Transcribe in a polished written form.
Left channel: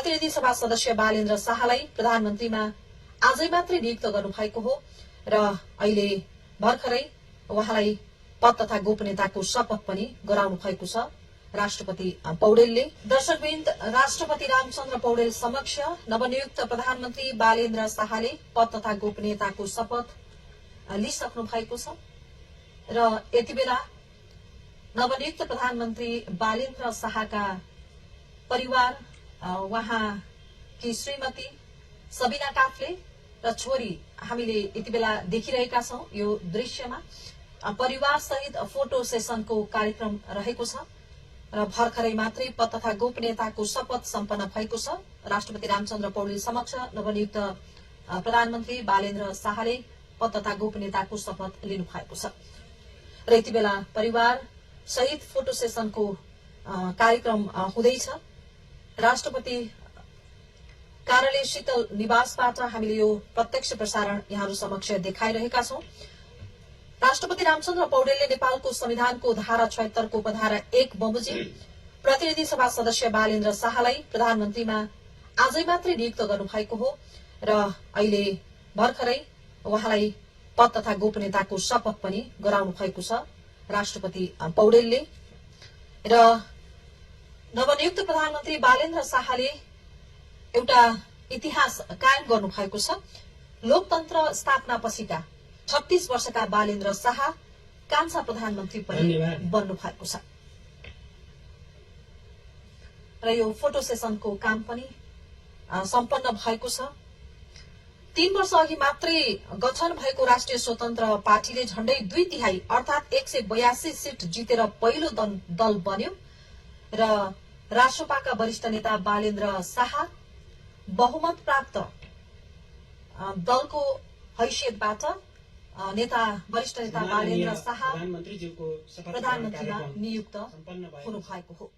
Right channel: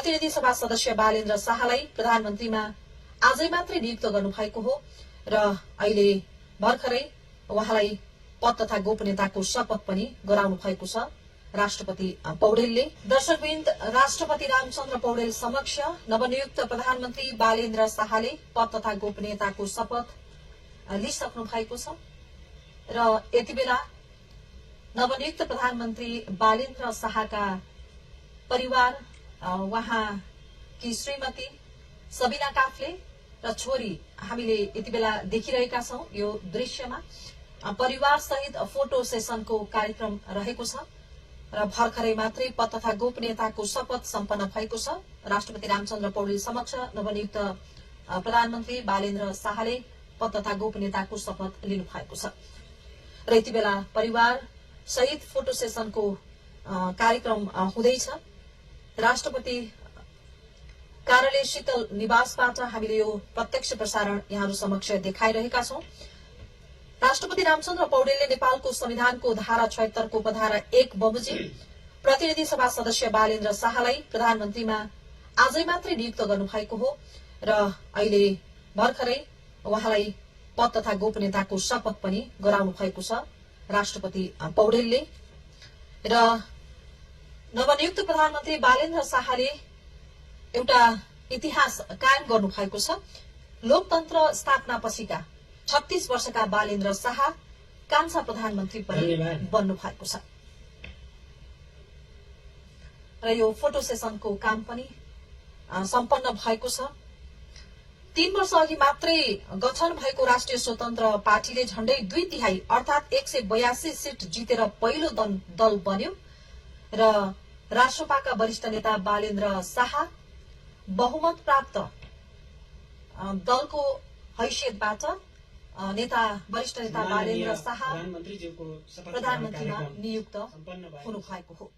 प्रतिनिधि सभा सदस्य बालेन्द्र शाहलाई प्रधानमन्त्रीमा आजै मात्रै नियुक्त गर्नुभएको हो र अहिले भर्खरै उहाँलाई पद तथा गोपनीयताको शपथ पनि गराउनु भएको छ राष्ट्रपति पौडेलले। दर्शकवृन्द, राष्ट्रपति रामचन्द्र पौडेल समक्ष नवनियुक्त प्रधानमन्त्री बालेन्द्र शाहले पद तथा गोपनीयताको शपथ लिइसक्नु भएको छ र यति बेला नवनियुक्त प्रधानमन्त्री बालेन्द्र शाहका परिवार, उहाँकी श्रीमती सबिना काफ्ले र छोरी हामीले यति बेला देखिरहेका छौं। यो दृश्यमा परिवार सहित फोटो सेसनको कार्यक्रम रहेको छ र भर्खरै मात्रै पद तथा गोपनीयताको शपथ सम्पन्न भएको छ। राष्ट्रपति रामचन्द्र पौडेल समक्ष नवनियुक्त प्रधानमन्त्री बालेन्द्र शाहले पद तथा गोपनीयताको शपथ लिनु भएको छ र यति बेला परिवार सहित फोटो सेसनको कार्यक्रम हुँदैछ। राष्ट्रपति कार्यालय शीतल निवासबाट हामीले यो प्रत्यक्ष प्रसारण यहाँहरू समक्ष देखाइरहेका छौं। राष्ट्रपति रामचन्द्र पौडेलले नेपालको संविधानको धारा 76 को उपधारा 1 बमोजिम प्रतिनिधि सभा सदस्य बालेन्द्र शाहलाई प्रधानमन्त्रीमा आजै मात्रै नियुक्त गर्नुभएको हो र अहिले भर्खरै उहाँलाई पद तथा गोपनीयताको शपथ पनि गराउनु भएको छ राष्ट्रपति पौडेलले। र नवनियुक्त प्रधानमन्त्री बालेन्द्र शाहले एउटा इतिहास कायम गर्नु भएको छ। लोकतन्त्र स्थापना पछिका 36 वर्षका बालेन्द्र शाह कान्छा प्रधानमन्त्री पनि बन्नु भएको छ र यो फोटो सेसनको काम पनि सम्पन्न भएको छ। 3 वर्ष अघि मात्रै गठन भएको राष्ट्रिय स्वतन्त्र पार्टीले झण्डै 2/3 अर्थात 182 सीट जितेर पहिलो दल बन्यो र राष्ट्रपाका वरिष्ठ नेता बालेन्द्र शाह बहुमत प्राप्त दलको हैसियतबाट वरिष्ठ नेता बालेन्द्र शाह प्रधानमन्त्रीमा नियुक्त हुनु भएको हो।